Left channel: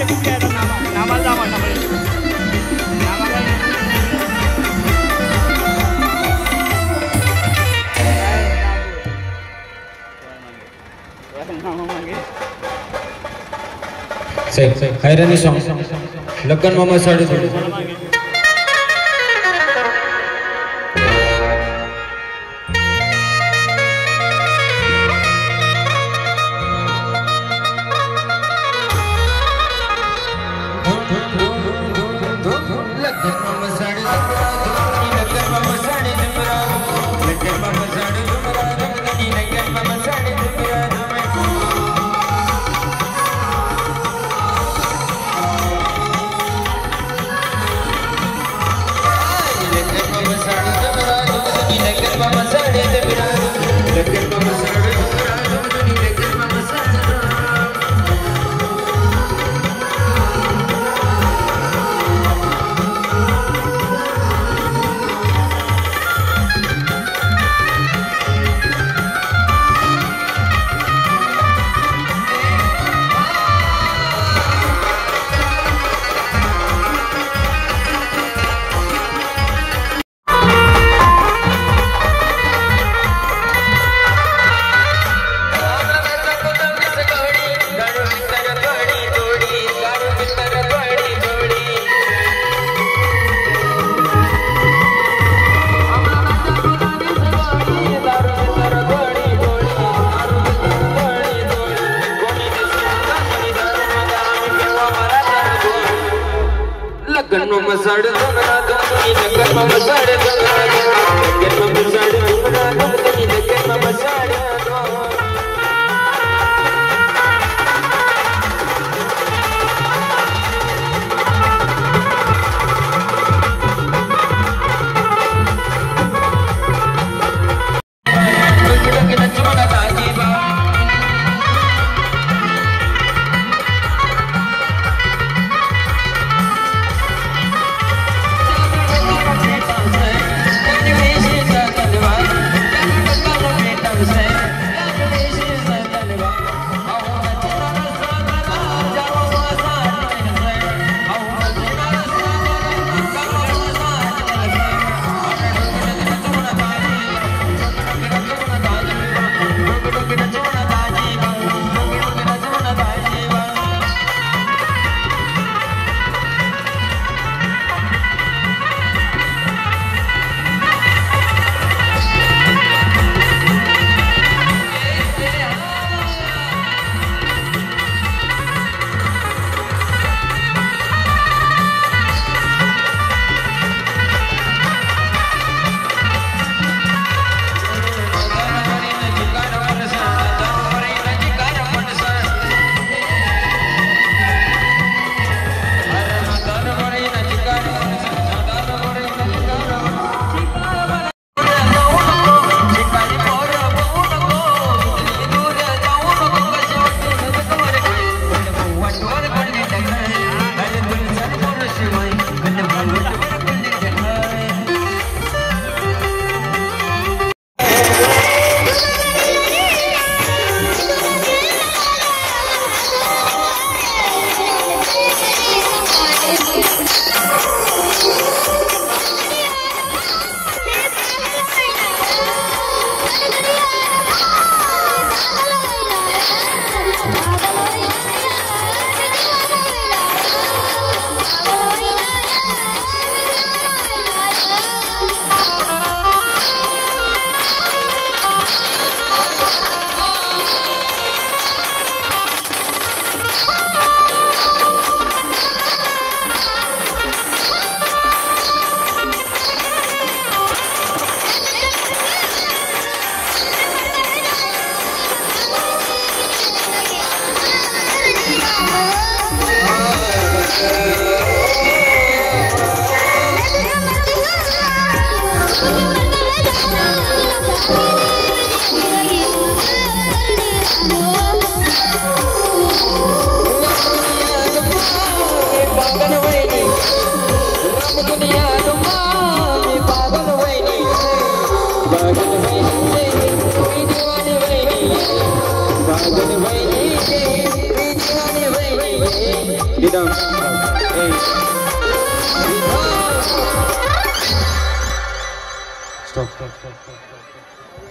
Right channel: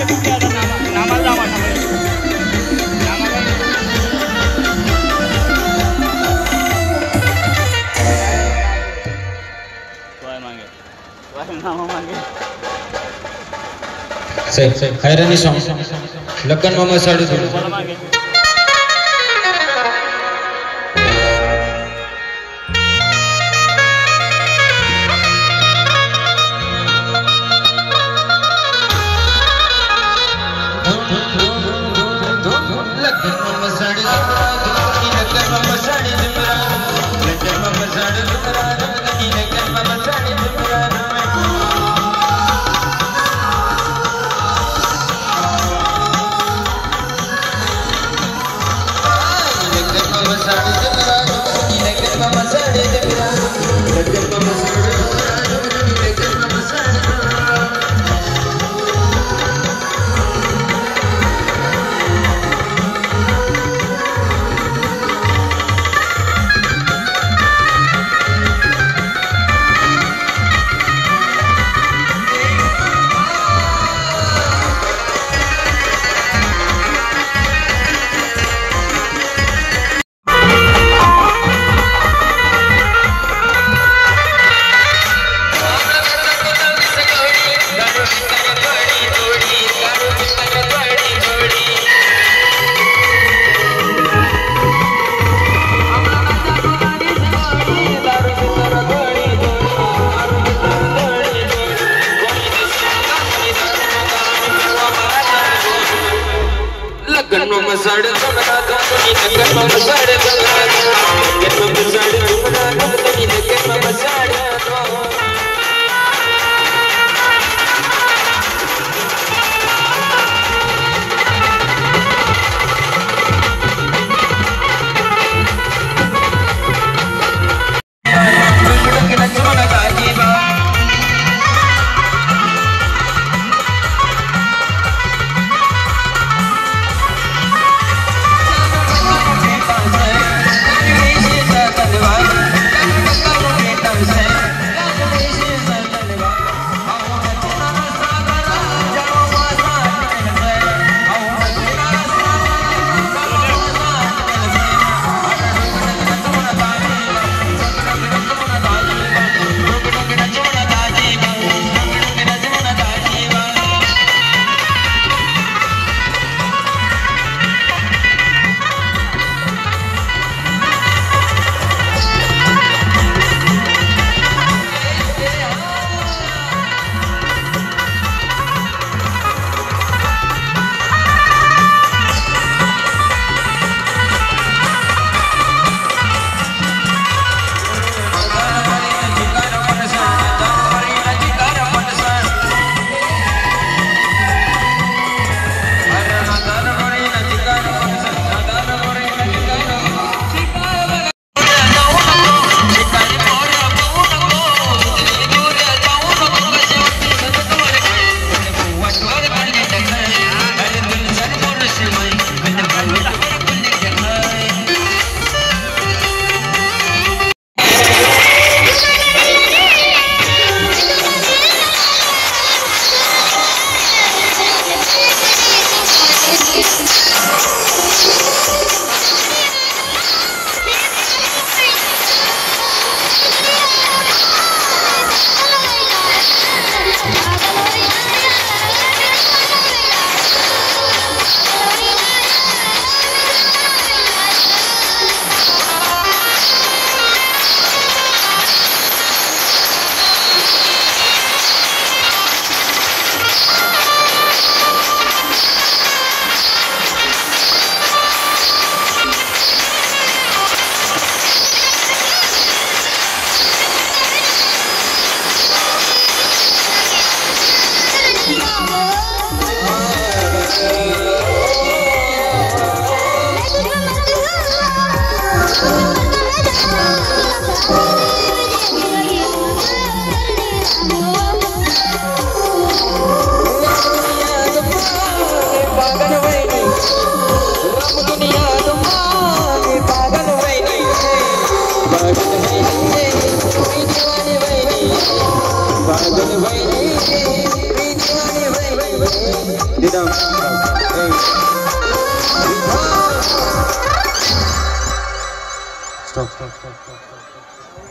इथे कुठे आता नामाला जा म्हणा पडेल नामाला नामा मागे हैरानी सॉन्ग लग्न मामा साडू मला मागे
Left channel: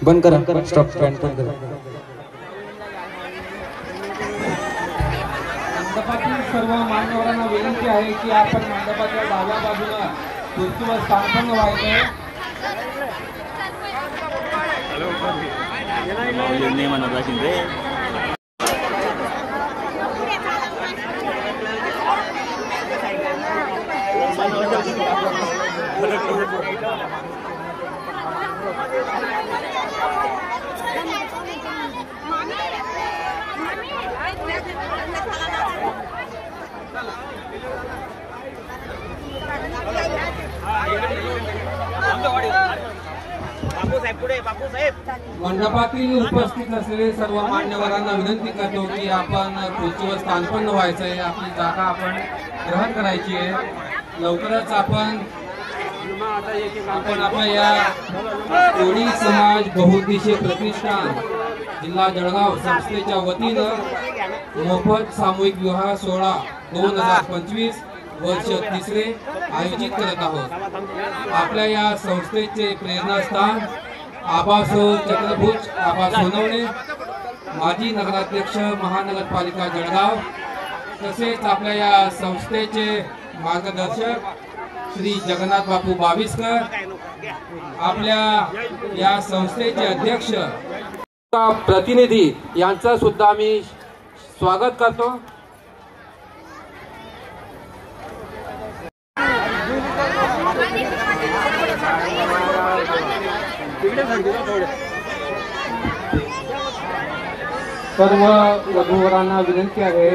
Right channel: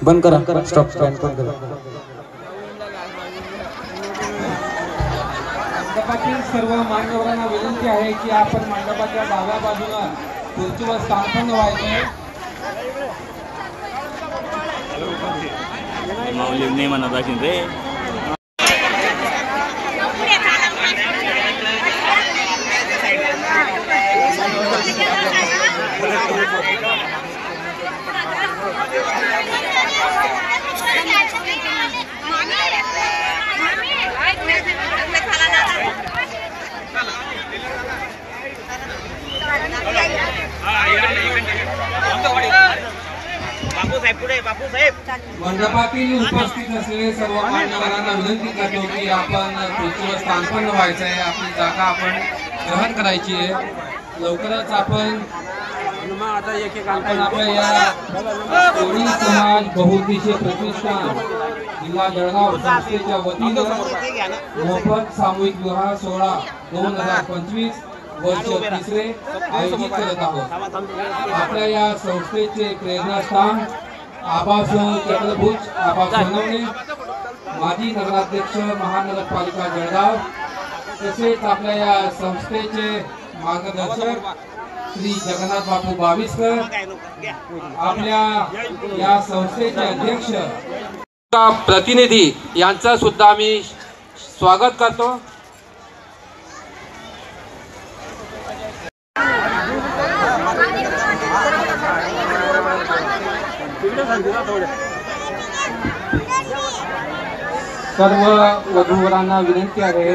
बंद करा, स्टॉप बंद करा. मंडपातील सर्व मान्यवरांना विनंती आहे की आपण मंडपाच्या डाव्या बाजूला खुर्चीवर स्थानपन्न व्हायचंय. माऊली नाही म्हणत असेल रे. मंडपातील उपस्थित असलेले सर्व मान्यवरांना विनंती करतो की आपण खुर्चीवर स्थानपन्न व्हायचंय. आपली जागा आपण ग्रहण करायची आहे. लवकरच आपण आपल्या या कोळी समाज बहुउद्देशीय प्रतिष्ठान जिल्हा जळगाव संस्थेच्या वतीनं मोफत सामूहिक विवाह सोहळा 2025 वर्ष 3 आयोजित करत आहोत. आपल्या या संस्थेचे प्रेरणास्थान आबासाहेब चक्रभुज आबा सोनवणे, माजी नगराध्यक्ष महानगरपालिका जळगाव, तसेच आपल्या या संस्थेचे मार्गदर्शक श्री जगन्नाथ बापू बाविस्कर, आपल्या या संस्थेचे अध्यक्ष प्रतिनिधी यांचा सुद्धा मी स्वागत करतो. सर्व वधूवरांना विनंती आहे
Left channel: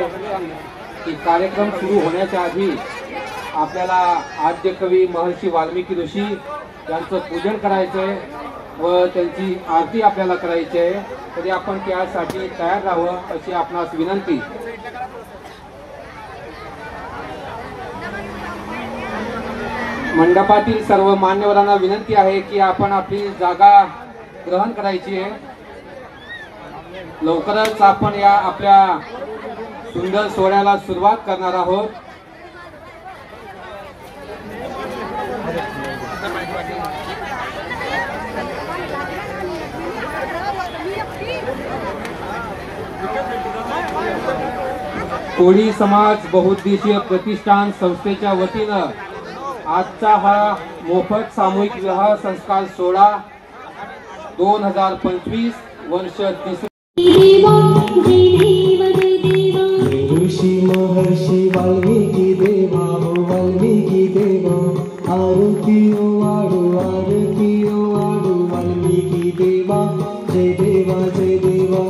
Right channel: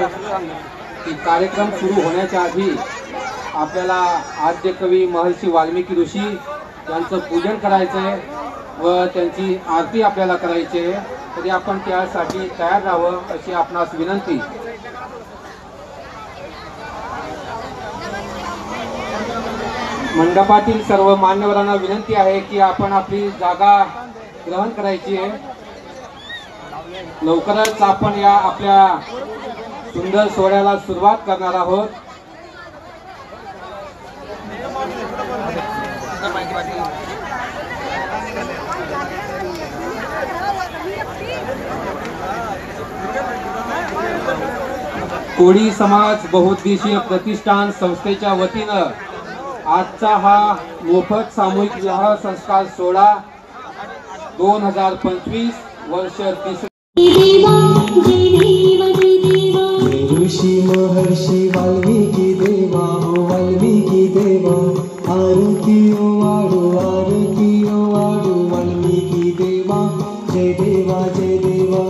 की कार्यक्रम सुरू होण्याच्या आधी आपल्याला आद्य कवी महर्षी वाल्मिकी ऋषी यांचं पूजन करायचंय व त्यांची आरती आपल्याला करायची आहे. तरी आपण त्यासाठी तयार राहावं अशी आपणास विनंती. मंडपातील सर्व मान्यवरांना विनंती आहे की आपण आपली जागा ग्रहण करायची आहे. लवकरच आपण या आपल्या सुंदर सोहळ्याला सुरुवात करणार आहोत. कोळी समाज बहुउद्देशीय प्रतिष्ठान संस्थेच्या वतीनं आजचा हा मोफत सामूहिक विवाह संस्कार सोहळा 2025 वर्ष 3 ऋषी महर्षी वाल्मिकी देवा वाल्मिकी देवा आरती वाडू वाल्मिकी देवा जय देवा जय देवा.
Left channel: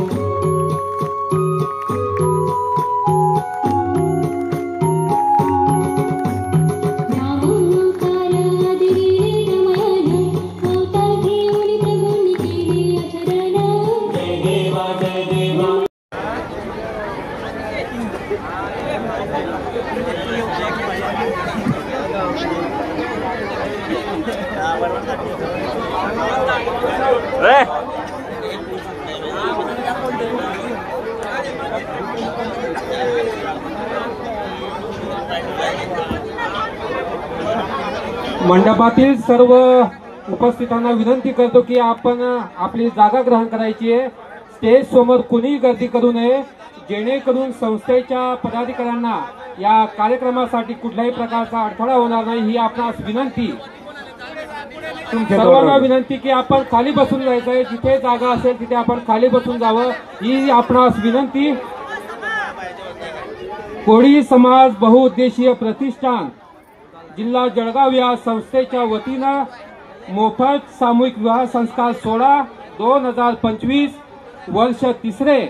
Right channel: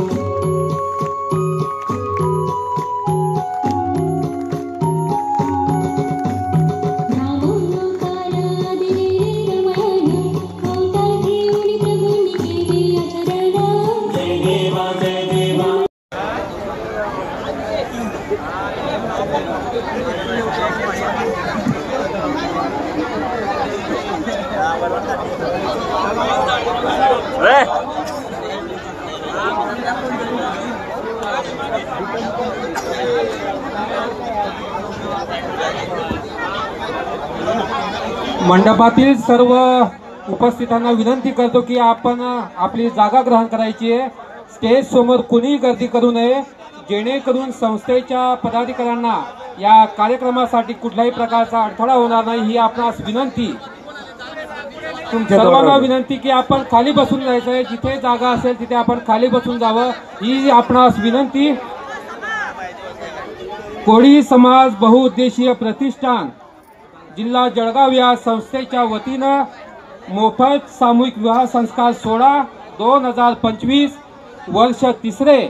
मंडपातील सर्व उपस्थितांना विनंती करतो की आपण आपली जागा ग्रहण करायची आहे. स्टेज समोर कोणी गर्दी करू नये, जेणेकरून संस्थेच्या पदाधिकाऱ्यांना या कार्यक्रमासाठी कुठल्याही प्रकारचा अडथळा होणार नाही ही आपणास विनंती. सर्वांना विनंती की आपण खाली बसून जायचंय. जिथे जागा असेल तिथे आपण खाली बसून जावं ही आपणास विनंती. कोळी समाज बहुउद्देशीय प्रतिष्ठान जिल्हा जळगाव या संस्थेच्या वतीनं मोफत सामूहिक विवाह संस्कार सोहळा 2025 वर्ष 3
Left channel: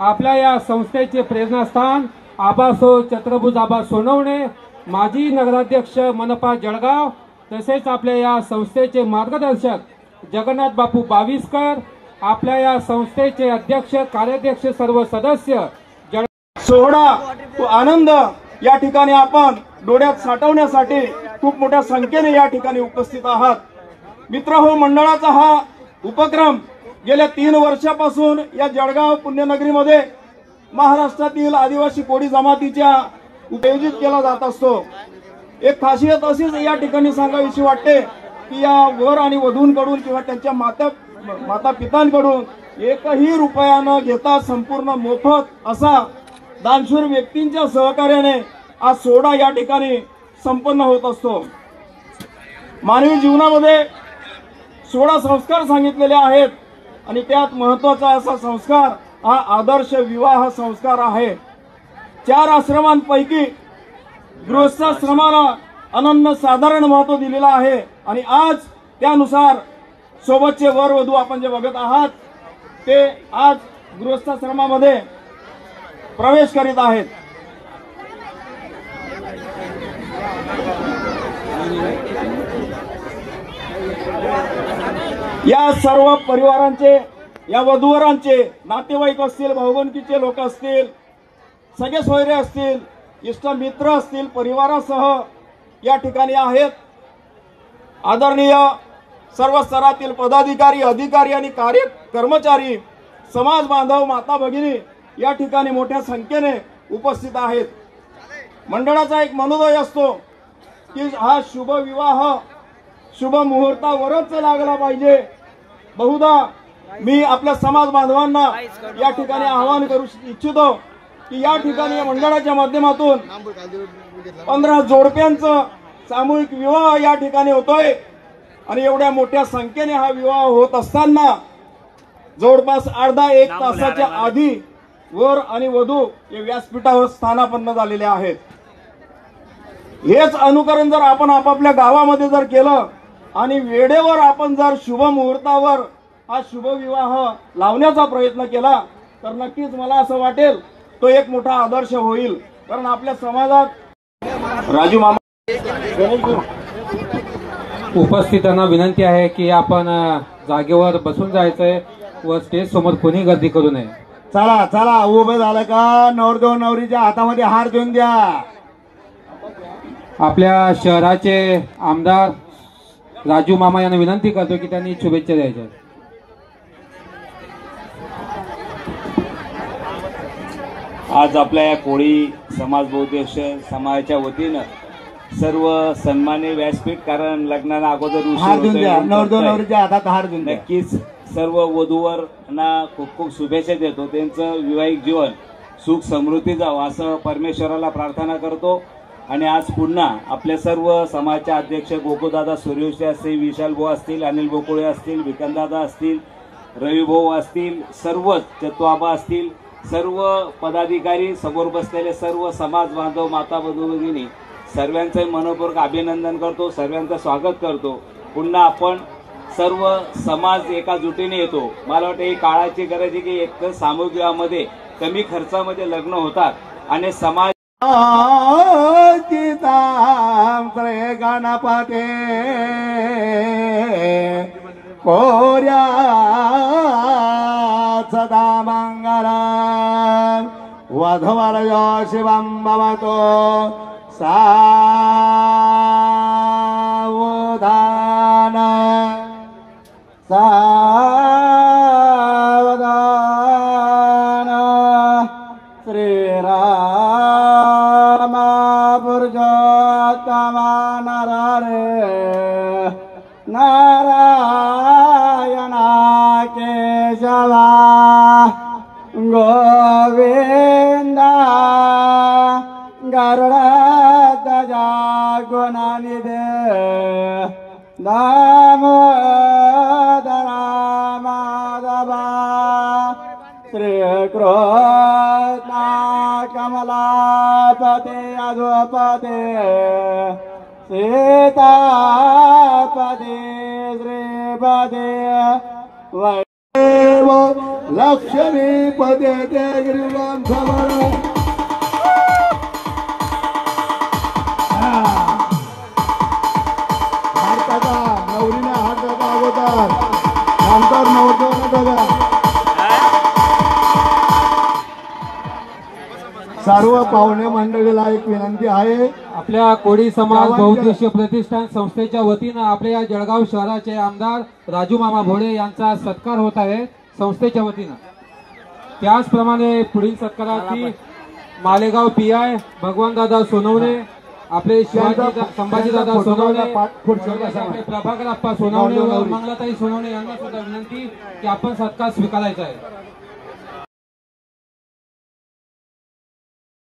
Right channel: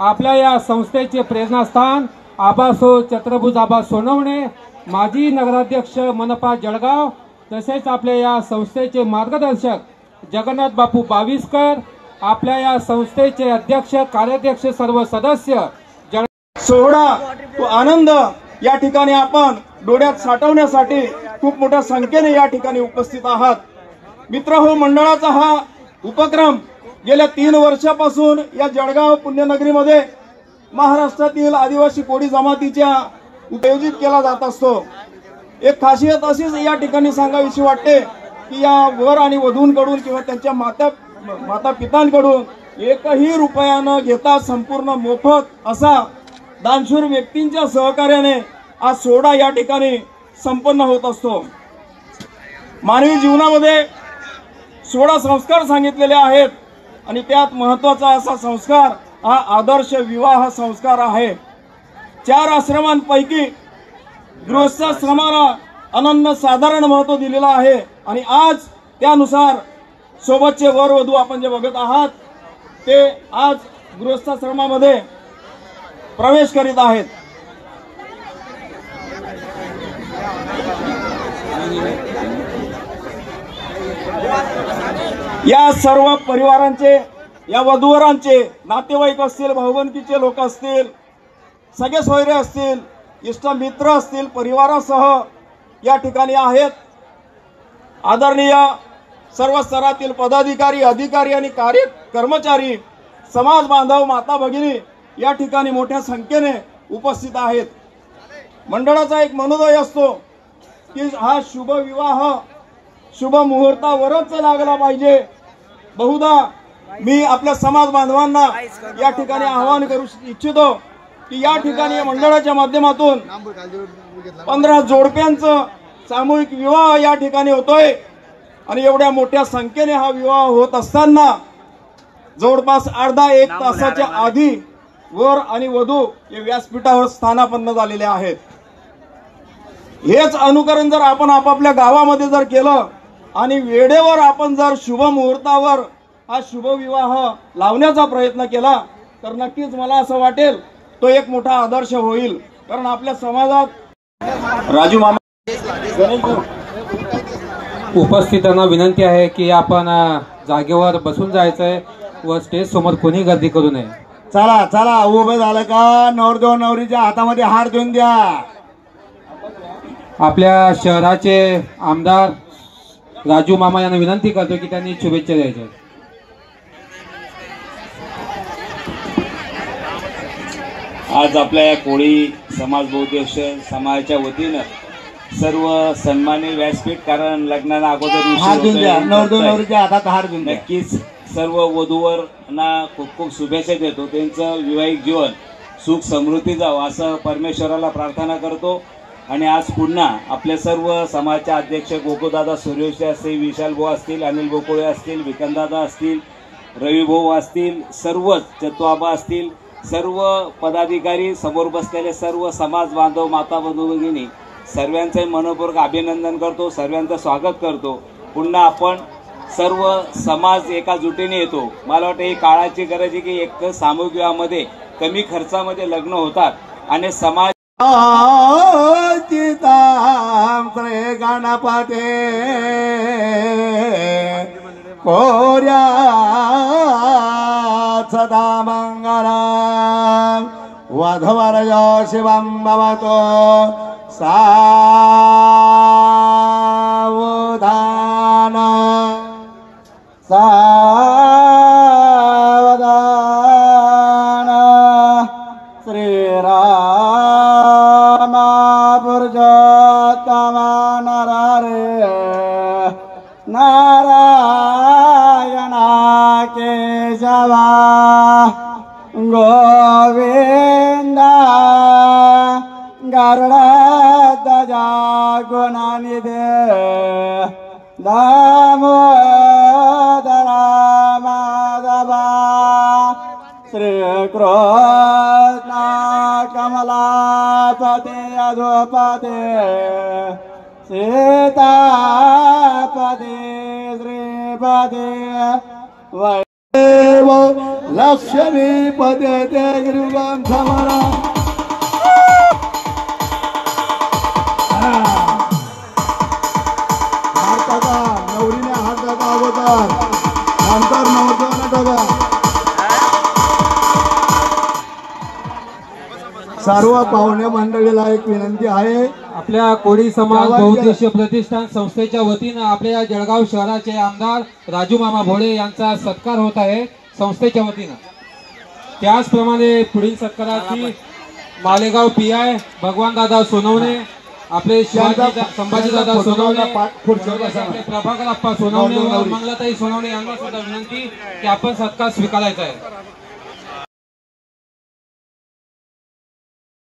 आपल्या या संस्थेचे प्रेरणास्थान आबासाहेब चक्रभुज आबा सोनवणे, माजी नगराध्यक्ष मनपा जळगाव, तसेच आपल्या या संस्थेचे मार्गदर्शक जगन्नाथ बापू बाविस्कर, आपल्या या संस्थेचे अध्यक्ष कार्याध्यक्ष सर्व सदस्य. सोहळा तो आनंद या ठिकाणी आपण डोळ्यात साठवण्यासाठी खूप मोठ्या संख्येने या ठिकाणी उपस्थित आहात. मित्रहो, मंडळाचा हा उपक्रम गेल्या 3 वर्षापासून या जळगाव पुण्यनगरीमध्ये महाराष्ट्रातील आदिवासी कोळी जमातीच्या आयोजित केला जात असतो. एक खासियत अशीच या ठिकाणी सांगावीशी वाटते की या वर आणि वधूंकडून किंवा त्यांच्या माता पितांकडून एकही रुपया न घेता संपूर्ण मोफत असा दानशूर व्यक्तींच्या सहकार्याने आज सोहळा या ठिकाणी संपन्न होत असतो। मानवी जीवनामध्ये 16 संस्कार सांगितलेले आहेत आणि त्यात महत्वाचा असा संस्कार हा आदर्श विवाह संस्कार आहे। 4 आश्रमांपैकी गृहस्थाश्रमाला अनन्य साधारण महत्व दिलेलं आहे आणि आज त्यानुसार सोबतचे वर वधू आपण जे बघत आहात ते आज गृहस्थाश्रमामध्ये प्रवेश करीत आहेत। या सर्व परिवारांचे, या वधूवरांचे नातेवाईक असतील, भाऊबंदकीचे लोक असतील, सगळे सोयरे असतील, इष्ट मित्र असतील, परिवारासह या ठिकाणी आहेत। आदरणीय सर्व स्तरातील पदाधिकारी, अधिकारी आणि कर्मचारी, समाज बांधव, माता भगिनी या ठिकाणी मोठ्या संख्येने उपस्थित आहेत। मंडळाचा एक मनोदय असतो की हा शुभ विवाह शुभ मुहूर्तावरच लागला पाहिजे। बहुधा मी आपल्या समाज बांधवांना या ठिकाणी आवाहन करू इच्छितो की या ठिकाणी या मंडळाच्या माध्यमातून 15 जोडप्यांचं सामूहिक विवाह या ठिकाणी होतोय आणि एवढ्या मोठ्या संख्येने हा विवाह होत असताना जवळपास अर्धा एक तासाच्या आधी वर आणि वधू हे व्यासपीठावर स्थानापन्न झालेले आहेत। हेच अनुकरण जर आपण आपापल्या गावामध्ये जर केलं आणि वेळेवर आपण जर शुभ मुहूर्तावर हा शुभ विवाह लावण्याचा प्रयत्न केला तर नक्कीच मला असं वाटेल तो एक मोठा आदर्श होईल। कारण आपल्या समाजात राजू मामा उपस्थितांना विनंती आहे की आपण जागेवर बसून जायचंय व स्टेज समोर कोणी गर्दी करू नये। चला चला उभं झालं का नवरदेव नवरीच्या हातामध्ये हार देऊन द्या। आपल्या शहराचे आमदार राजू मामा यांना विनंती करतो की त्यांनी शुभेच्छा द्यायच्या। आज आपल्या या कोळी समाज बौद्धिक समाजाच्या वतीनं सर्व सन्मान्य व्यासपीठ, कारण लग्नाला अगोदर हार देऊन द्या, नवरदेव नवरीच्या हातात हार देऊन द्या। नक्कीच सर्व वधूवरांना खूप खूप शुभेच्छा देतो। त्यांचं वैवाहिक जीवन सुख समृद्धी जावं असं परमेश्वराला प्रार्थना करतो। आणि आज पुन्हा आपले सर्व समाजाचे अध्यक्ष गोकुळदादा सूर्यवंशी असतील, विशाल भाऊ असतील, अनिल गोकुळे असतील, विकंदादा असतील, रवी भाऊ असतील, सर्वच चतुआबा असतील, सर्व पदाधिकारी, समोर बसलेले सर्व समाज बांधव, माता भगिनी सर्वांचे मनपूर्वक अभिनंदन करतो, सर्वांचं स्वागत करतो। पुन्हा आपण सर्व समाज एका जुटीने येतो। मला वाटतं ही काळाची गरज आहे की एक सामूहिक विवाहामध्ये कमी खर्चामध्ये लग्न होतात आणि समाज श्री गणपते कोर्या सदा मंगलम वधवरयो शिवं भवतो सावधान। श्रीराम पुरुषोत्तम नरहरे नारायण केशवा गोविंद गरुड़ध्वजा गुणनिधे दामोदर माधवा श्री कृष्ण कमलापते अधोपते सीतापते श्रीपते लक्ष्मीपते ते गिरिराम समरा नवरीने हात दाखवा अगोदर नंतर नवरदेवाने बघा। सर्व पाहुणे मंडळीला एक विनंती आहे, आपल्या कोळी समाज बहुउद्देशीय प्रतिष्ठान संस्थेच्या वतीनं आपल्या जळगाव शहराचे आमदार राजू मामा भोळे यांचा सत्कार होत आहे संस्थेच्या वतीनं। त्याचप्रमाणे पुढील सत्काराची मालेगाव PI भगवान दादा सोनवणे आपले शिवाजी संभाजीदादा सोनवणे, खुर्चीवर आपले प्रभाकर आप्पा सोनवणे व मंगलाताई सोनवणे यांना सुद्धा विनंती की आपण सत्कार स्वीकारायचा आहे.